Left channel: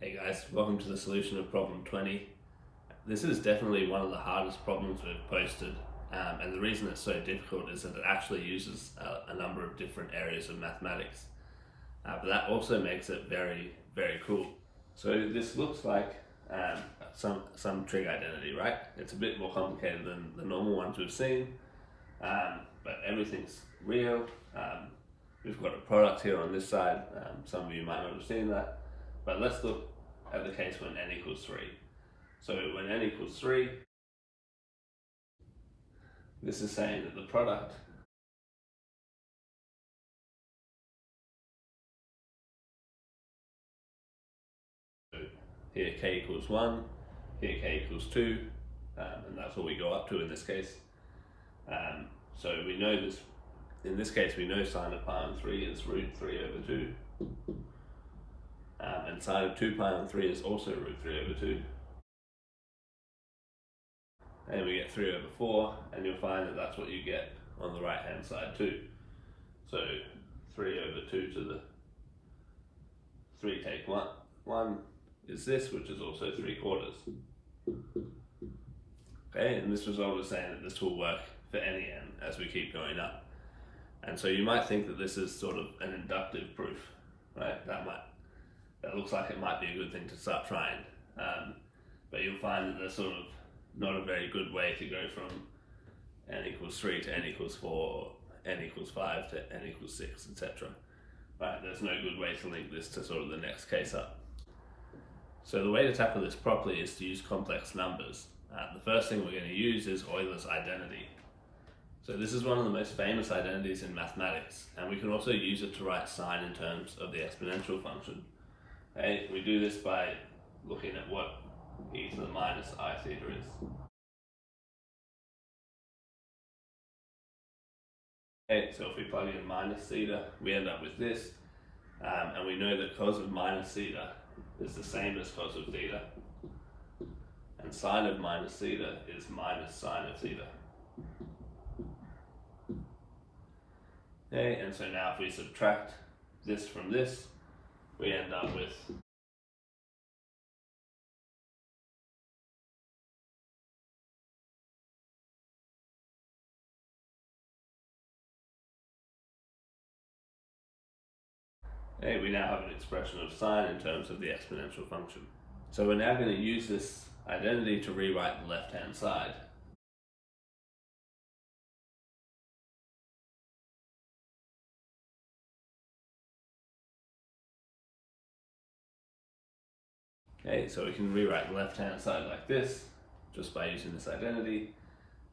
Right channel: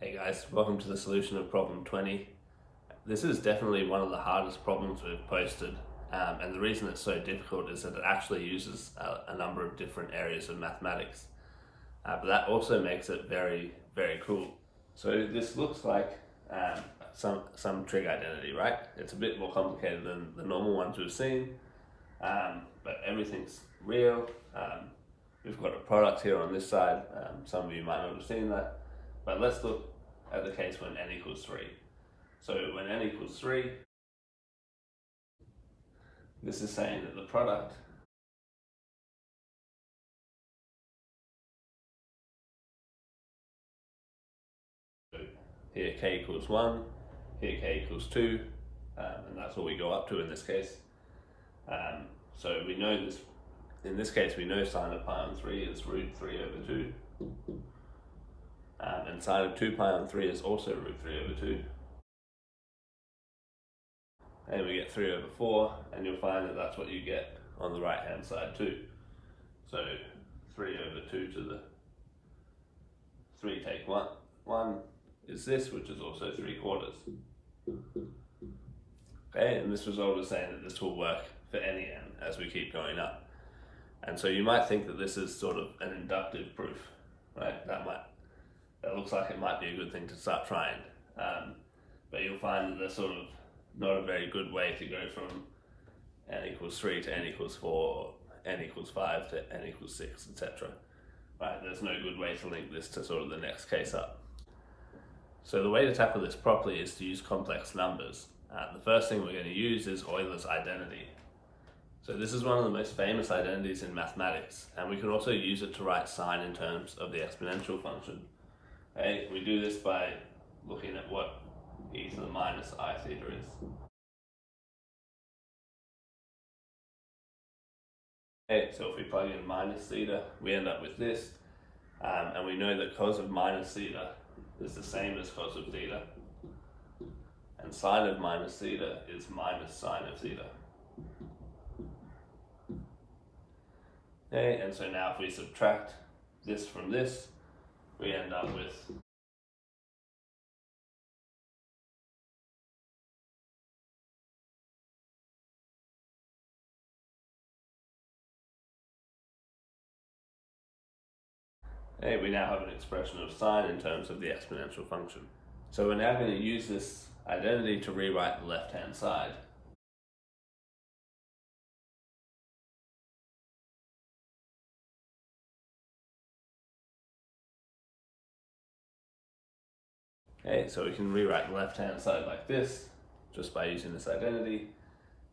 Hey guys, welcome to the solution of problem 20. This is definitely one of the hardest problems we've posted, and the reason it's so difficult is that it actually uses a number of different areas of mathematics, but that also makes it very, very cool. So this looks like some trig identity, right? It's a bit more complicated than the normal ones we've seen, but everything's real. We've got a product here on this side. Some of you might not have seen that. But let's look at the case when n equals 3. So when n equals 3, this is saying that the product here k equals 1, here k equals 2, and that's what we go up to in this case. So we know this, in this case we know sine of pi on 3 is root 3 over 2. And sine of 2 pi on 3 is also root 3 over 2. And we get 3 over 4, and you'll find that that's what you get on the right hand side too. So 3 over 2 to the 3 take 1 is this, which is also 3/4. Okay, and this result is saying that this will work for any n as we keep going up. And so you might think that this is sort of an inductive proof, right? That looks like it might be a good thing to start trying, but you'll find that there's sort of not a very good way to go from n equals 3 to n equals 4, or n equals 5 to n equals 6, etc. Right, there's no good way to link this to sort of the next case up. So the way to tackle this properly is to use complex numbers. The first thing we're going to use is Euler's identity. So this is one of the most famous identities in mathematics, and we can also use it to write sine in terms of the exponential function. Okay, we do this by looking at what e to the minus I theta is. Okay, so if we plug in minus theta, we end up with this, and we know that cos of minus theta is the same as cos of theta, and sine of minus theta is minus sine of theta. Okay, and so now if we subtract this from this, we end up with we now have an expression of sine in terms of the exponential function. So we're now going to use this identity to rewrite the left-hand side. Okay, so we can rewrite the left-hand side like this, just by using this identity.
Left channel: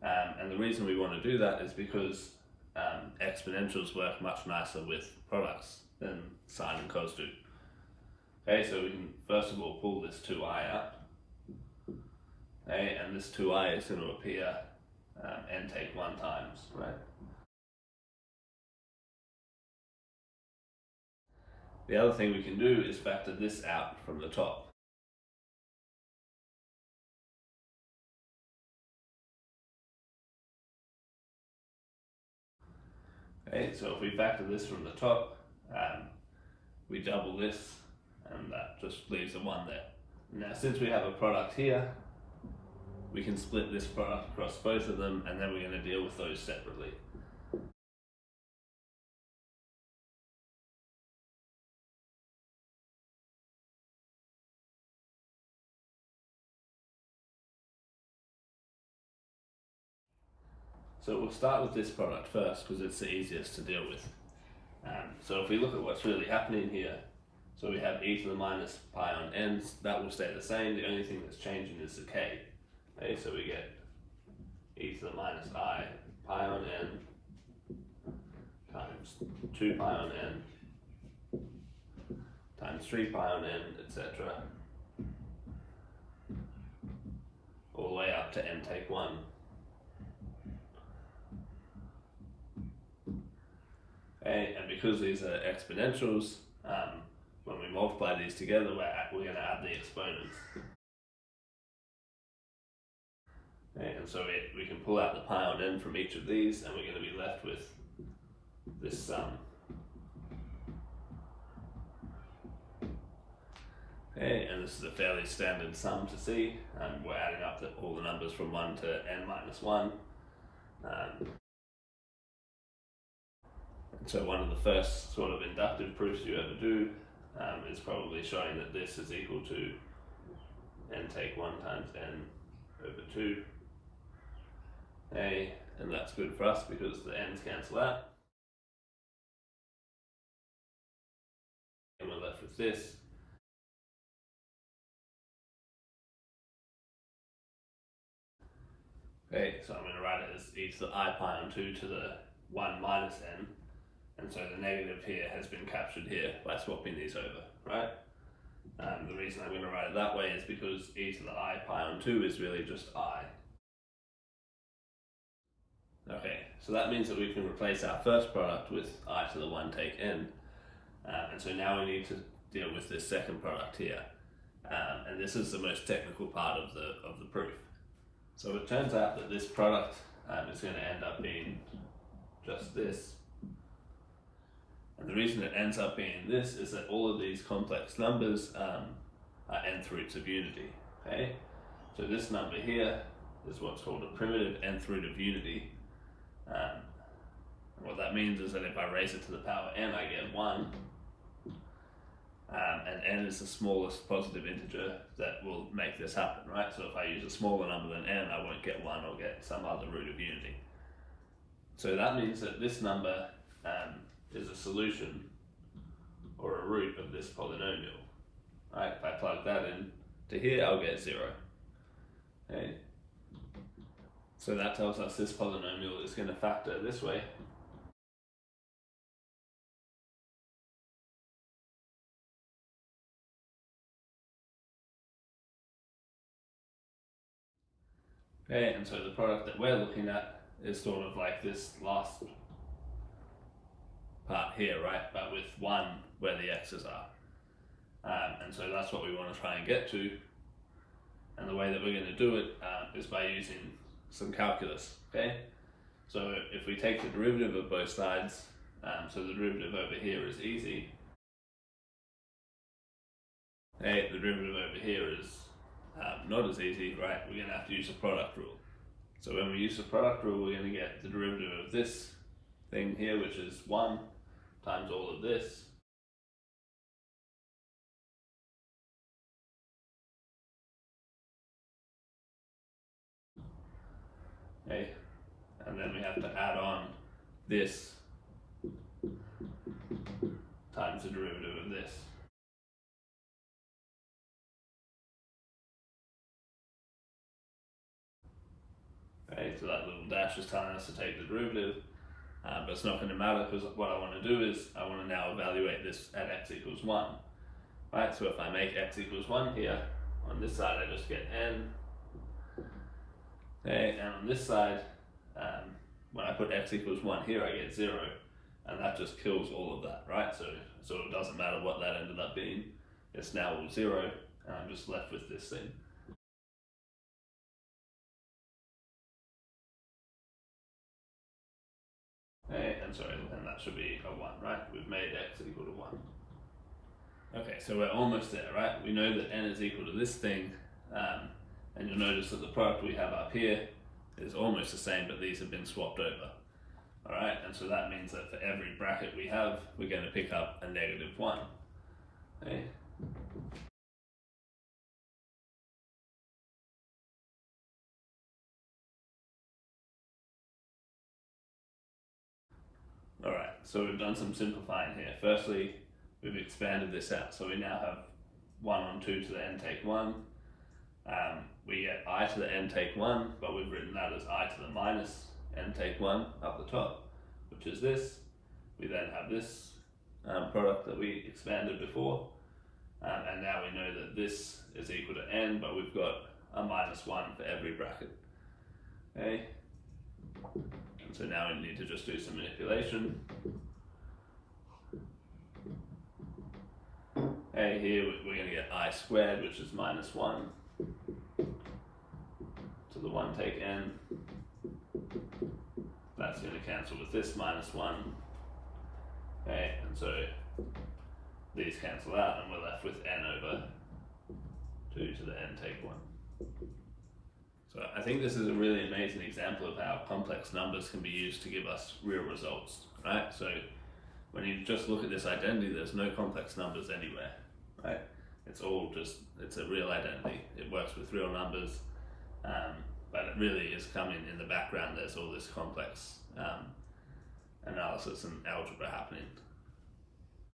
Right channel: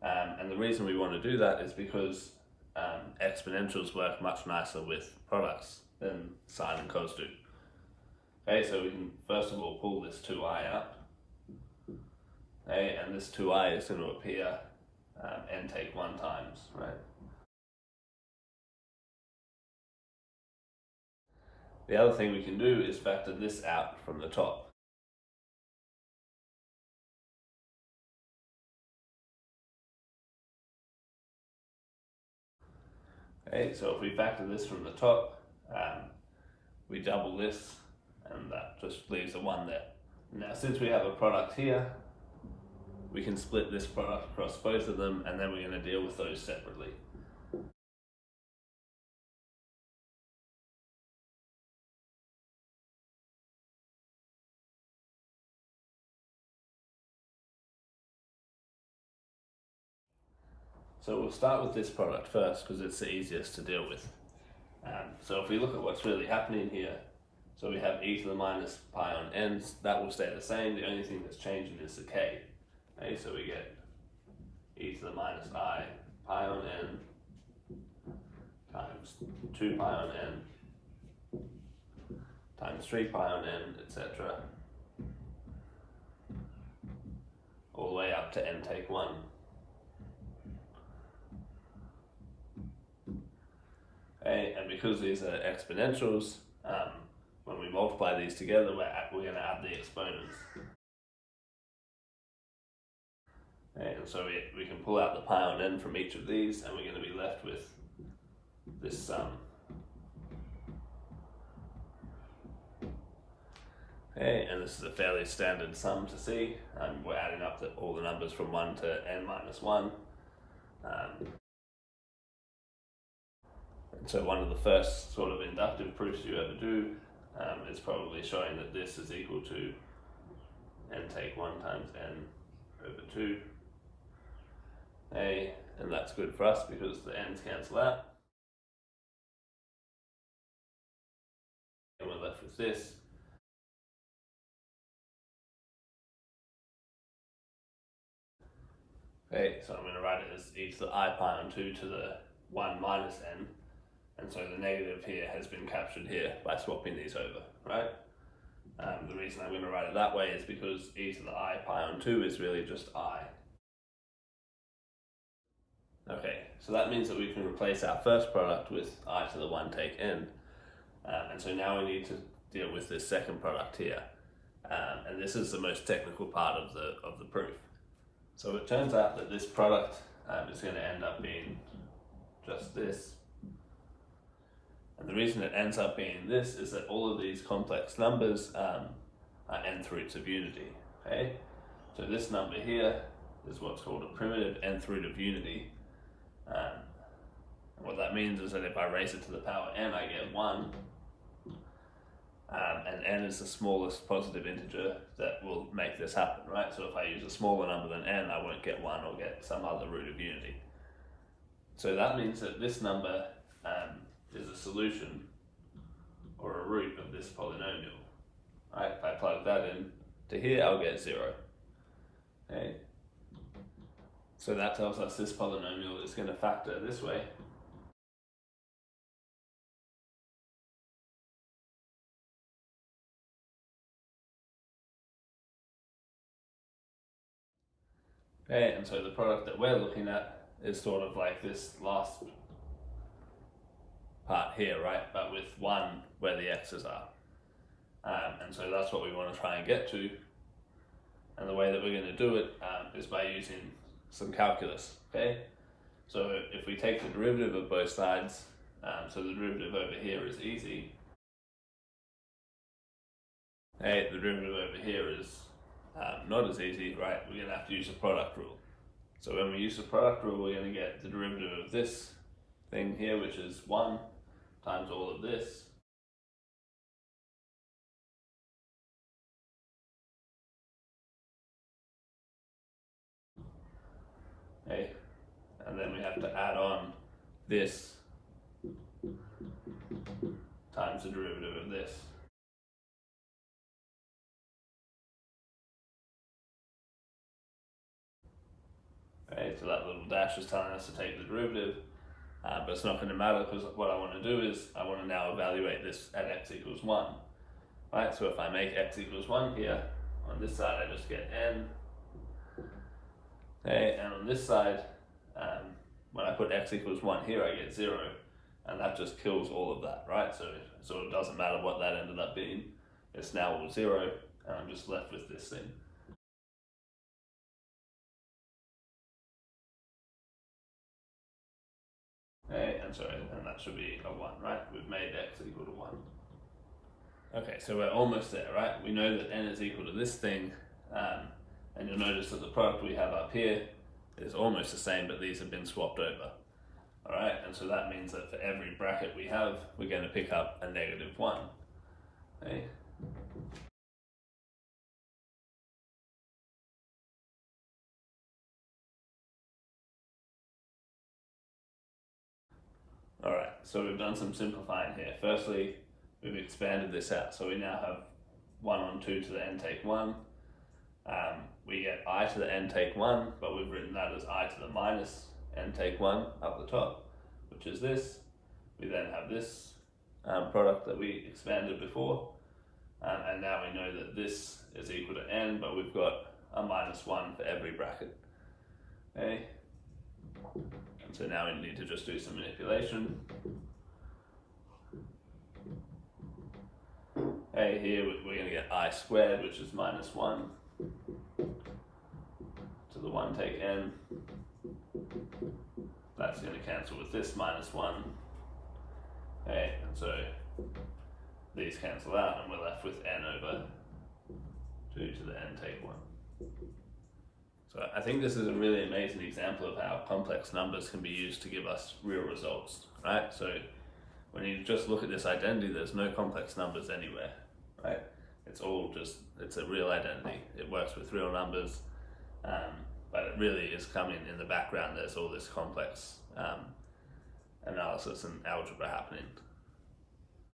And the reason we want to do that is because exponentials work much nicer with products than sine and cos do. Okay, so we can first of all pull this 2i out. Okay, and this 2i is going to appear n take 1 times, right? The other thing we can do is factor this out from the top. Okay, so if we factor this from the top, we double this, and that just leaves a 1 there. Now, since we have a product here, we can split this product across both of them, and then we're going to deal with those separately. So we'll start with this product first because it's the easiest to deal with. So if we look at what's really happening here, so we have e to the minus pi on n, that will stay the same. The only thing that's changing is the k. Okay, so we get e to the minus I pi on n times 2 pi on n times 3 pi on n, etc. all the way up to n take 1. Okay, and because these are exponentials, when we multiply these together, we're going to add the exponents. Okay, and so we can pull out the pi on n from each of these, and we're going to be left with this sum. Okay, and this is a fairly standard sum to see, and we're adding up all the numbers from 1 to n minus 1. So one of the first sort of inductive proofs you ever do is probably showing that this is equal to n take 1 times n over 2. Okay, and that's good for us because the n's cancel out. And we're left with this. Okay, so I'm going to write it as e to the I pi on 2 to the 1 minus n. And so the negative here has been captured here by swapping these over, right? The reason I'm going to write it that way is because e to the I pi on 2 is really just I. Okay, so that means that we can replace our first product with I to the 1 take n. And so now we need to deal with this second product here. And this is the most technical part of the proof. So it turns out that this product is going to end up being just this. And the reason it ends up being this is that all of these complex numbers are nth roots of unity. Okay, so this number here is what's called a primitive nth root of unity. What that means is that if I raise it to the power n, I get 1. And n is the smallest positive integer that will make this happen, right? So if I use a smaller number than n, I won't get 1 or get some other root of unity. So that means that this number is a solution or a root of this polynomial. Right? If I plug that in to here, I'll get 0. Okay. So that tells us this polynomial is going to factor this way. Okay, and so the product that we're looking at is sort of like this last part here, right? But with 1 where the x's are. And so that's what we want to try and get to. And the way that we're going to do it is by using some calculus, okay? So if we take the derivative of both sides, so the derivative over here is easy. Hey, the derivative over here is not as easy, right? We're going to have to use the product rule. So when we use the product rule, we're going to get the derivative of this thing here, which is 1 times all of this. Okay, and then we have to add on this times the derivative of this. Okay, so that little dash is telling us to take the derivative, but it's not going to matter because what I want to do is I want to now evaluate this at x equals 1. Right, so if I make x equals 1 here, on this side I just get n. Okay, and on this side, when I put x equals 1 here, I get 0, and that just kills all of that, right? So it sort of doesn't matter what that ended up being. It's now all 0, and I'm just left with this thing. Okay, and that should be a 1, right? We've made x equal to 1. Okay, so we're almost there, right? We know that n is equal to this thing, and you'll notice that the product we have up here is almost the same, but these have been swapped over. Alright, and so that means that for every bracket we have, we're going to pick up a negative 1. Okay. Alright, so we've done some simplifying here. Firstly, we've expanded this out, so we now have 1 on 2 to the n take 1. We get I to the n take 1, but we've written that as I to the minus n take 1 up the top, which is this. We then have this product that we expanded before, and now we know that this is equal to n, but we've got a minus 1 for every bracket. Okay, and so now we need to just do some manipulation. Okay, here we're going to get I squared, which is minus 1 to the 1 take n. That's going to cancel with this minus 1. Okay, and so these cancel out and we're left with n over 2 to the n take 1. So I think this is a really amazing example of how complex numbers can be used to give us real results, right? So when you just look at this identity, there's no complex numbers anywhere, right? It's all just, it's a real identity. It works with real numbers, but it really is coming in the background. There's all this complex analysis and algebra happening.